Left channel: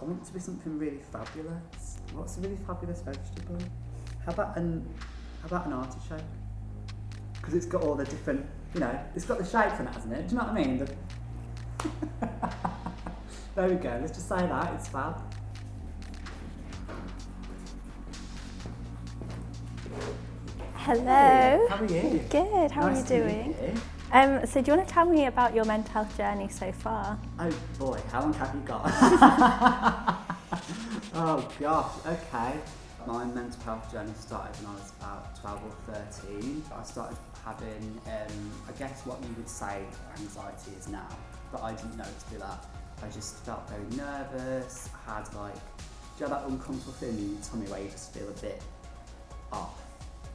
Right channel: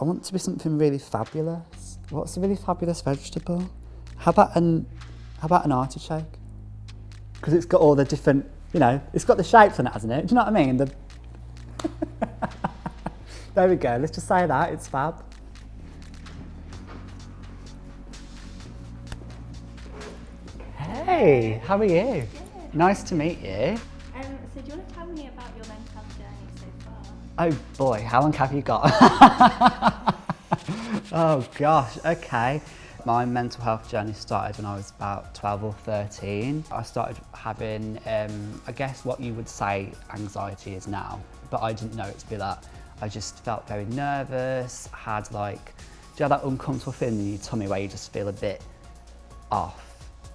I want to be something really fabulous. What's a really fabulous vegetable? How about an artichoke? Because it's got all the different, it's got the shapes in it, hasn't it? Do you know what I mean? There we go, let's just say that, it's fab. Hello. Hey, how are you? Good, how Nice are to you meet doing? you. So do you want to tell me about your mental health journey so far? Oh boy, how long have you got? Oh gosh, okay. My mental health journey started when I was about 12 or 13. I started having, I guess what you would say anxiety is now, but I didn't know it to be that. I just felt very nervous, had do you have that uncomfortable feeling in your tummy where you just feel a bit off,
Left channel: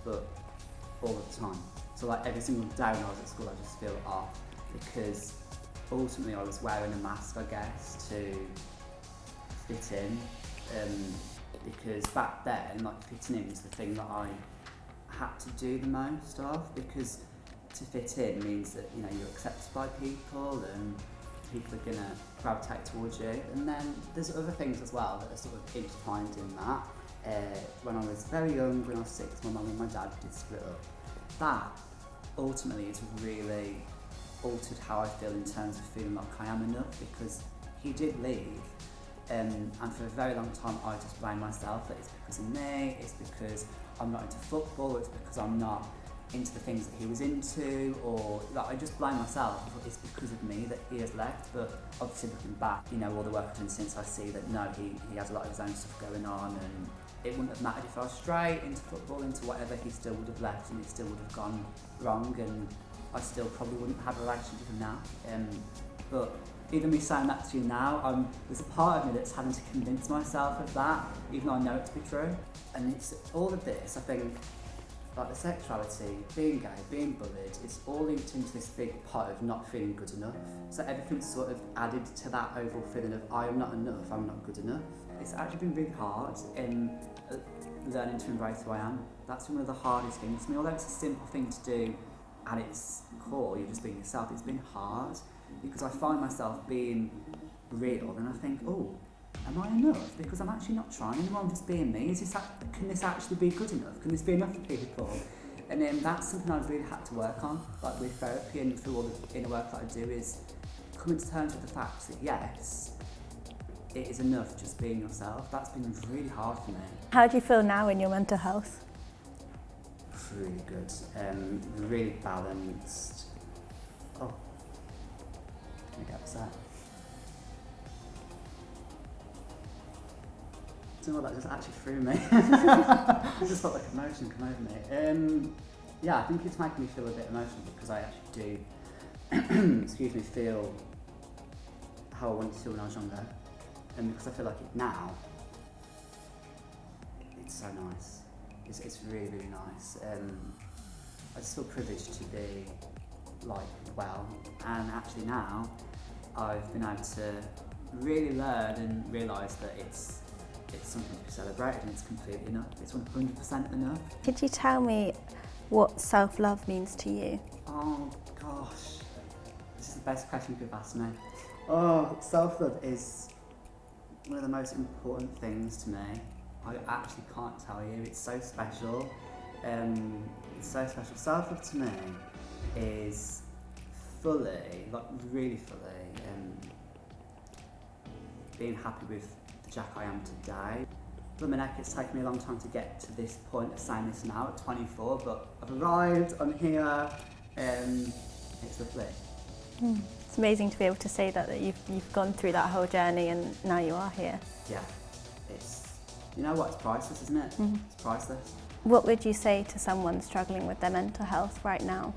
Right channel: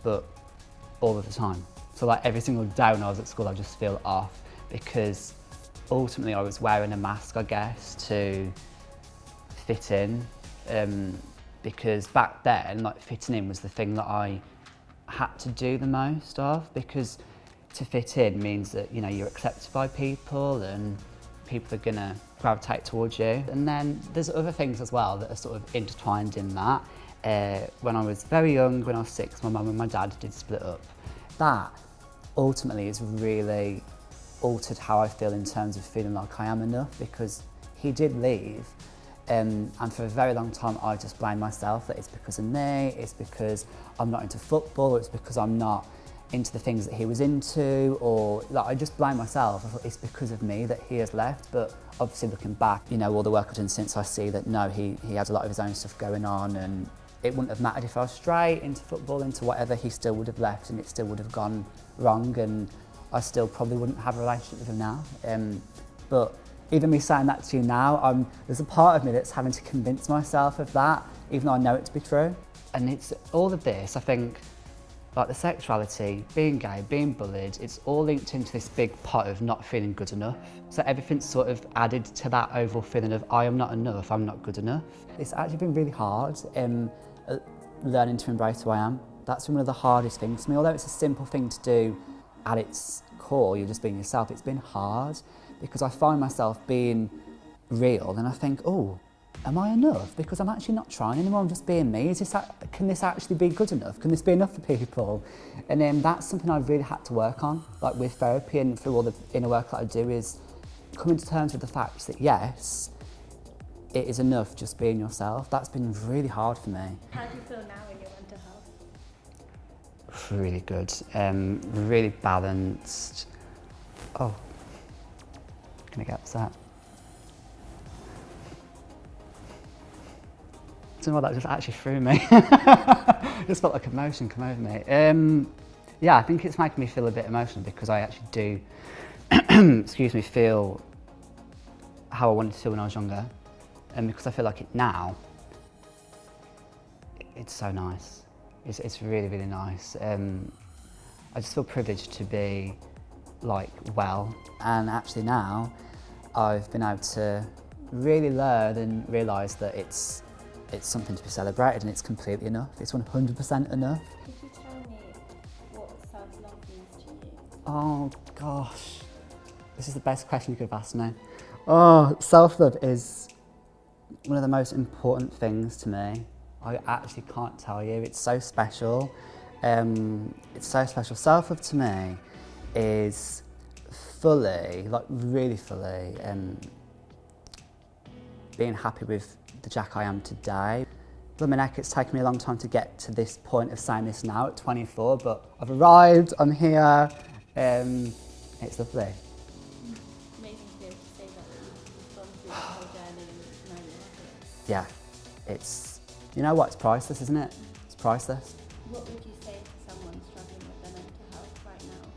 but all of the time. So every single day when I was at school, I just feel off because ultimately I was wearing a mask, I guess, to fit in. Because back then, fitting in was the thing that I had to do the most of, because to fit in means that, you're accepted by people and people are gonna gravitate towards you. And then there's other things as well that are sort of intertwined in that. When I was very young, when I was 6, my mum and my dad did split up. That ultimately has really altered how I feel in terms of feeling like I am enough, because he did leave. And for a very long time I just blamed myself that it's because of me, it's because I'm not into football, or it's because I'm not into the things that he was into, or I just blame myself. I thought it's because of me that he has left, but obviously looking back, all the work I've done since, I see that no, he has a lot of his own stuff going on, and it wouldn't have mattered if I was straight into football, into whatever, he still would have left and it still would have gone wrong, and I still probably wouldn't have a relationship with him now. But even me saying that to you now, there's a part of me that's having to convince myself of that, even though I know it to be true. And it's all of this, I think, the sexuality, being gay, being bullied, it's all linked into this big pot of not feeling good enough. So everything's sort of added to that overall feeling of I am not enough, I'm not good enough. It's actually been really hard learning to embrace who I am. That's been one of the hardest things to me. Although it's a simple thing to do at its core, you're just being yourself, it's been hard, because I find myself being real and I think, oh, am I enough? Because I'm actually not trying anymore, I'm just being me. Can this actually be good enough? Can this be enough for people? And then that's something I've really had to work on, with therapy and through all the inner work that I do, is coming to terms with the fact that yes, it is enough just being yourself. That's been really hard for me. How do you feel now in your mental health? Really good, really balanced. Oh, can I get upset? I don't know what that just actually threw me. It just felt like emotion come over me. Yeah, I think it's making me feel a bit emotional because I actually do, excuse me, feel how I wanted to feel when I was younger. And because I feel like it now, it's so nice. It's really, really nice. I just feel privileged to be well. And actually now, I've been able to really learn and realise that it's something to be celebrated, and it's completely enough. It's 100% enough. Could you tell me what self-love means to you? Oh gosh, this is the best question you could have asked me. Oh, self-love is one of the most important things to me. I actually can't tell you, it's so special. It's so special. Self-love to me is fully, really fully, being happy with the Jack I am today. Blimey, it's taken me a long time to get to this point of saying this now at 24, but I've arrived, I'm here, it's lovely. It's amazing to be able to say that you've gone through that whole journey and now you are here. Yeah, it's priceless, isn't it? Mm-hmm. It's priceless. What would you say to someone struggling with their mental health right now?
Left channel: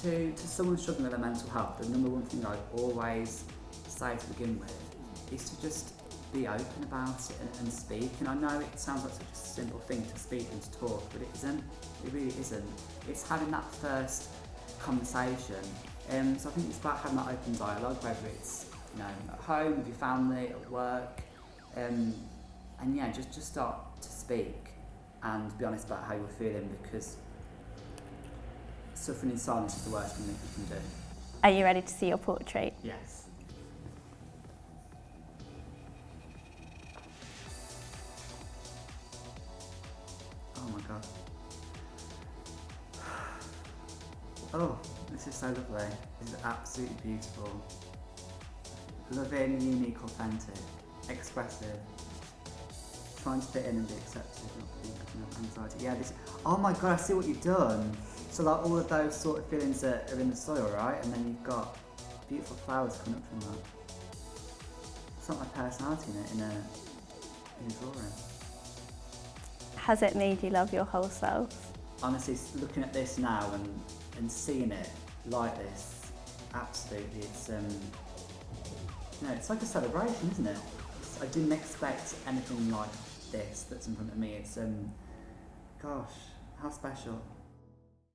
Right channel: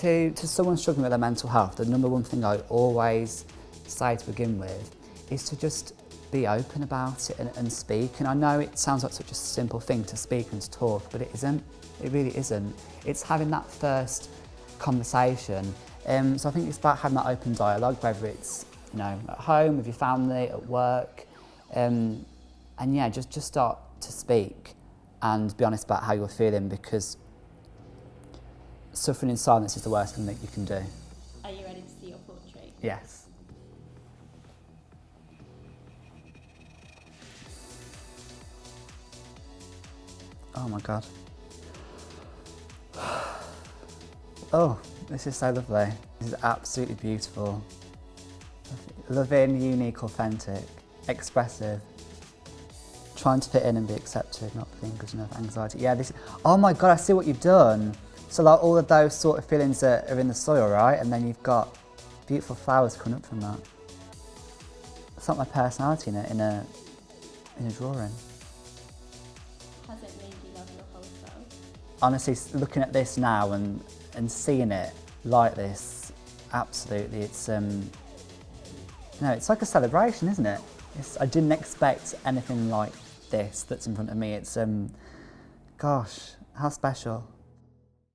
To someone struggling with their mental health, the number one thing I always say to begin with is to just be open about it and speak. And I know it sounds like such a simple thing to speak and to talk, but it isn't. It really isn't. It's having that first conversation. So I think it's about having that open dialogue, whether it's at home, with your family, at work, and yeah, just start to speak and be honest about how you're feeling, because suffering in silence is the worst thing that you can do. Are you ready to see your portrait? Yes. Oh my God. Oh, this is so lovely. This is absolutely beautiful. Loving, unique, authentic, expressive. Trying to fit in and be accepted, not feeling good enough, anxiety. Yeah, this, oh my God, I see what you've done. So like all of those sort of feelings that are in the soil, right? And then you've got beautiful flowers coming up from that. It's not my personality in a drawing. Has it made you love your whole self? Honestly, looking at this now and seeing it like this, absolutely, it's it's like a celebration, isn't it? I didn't expect anything like this that's in front of me. It's gosh, how special.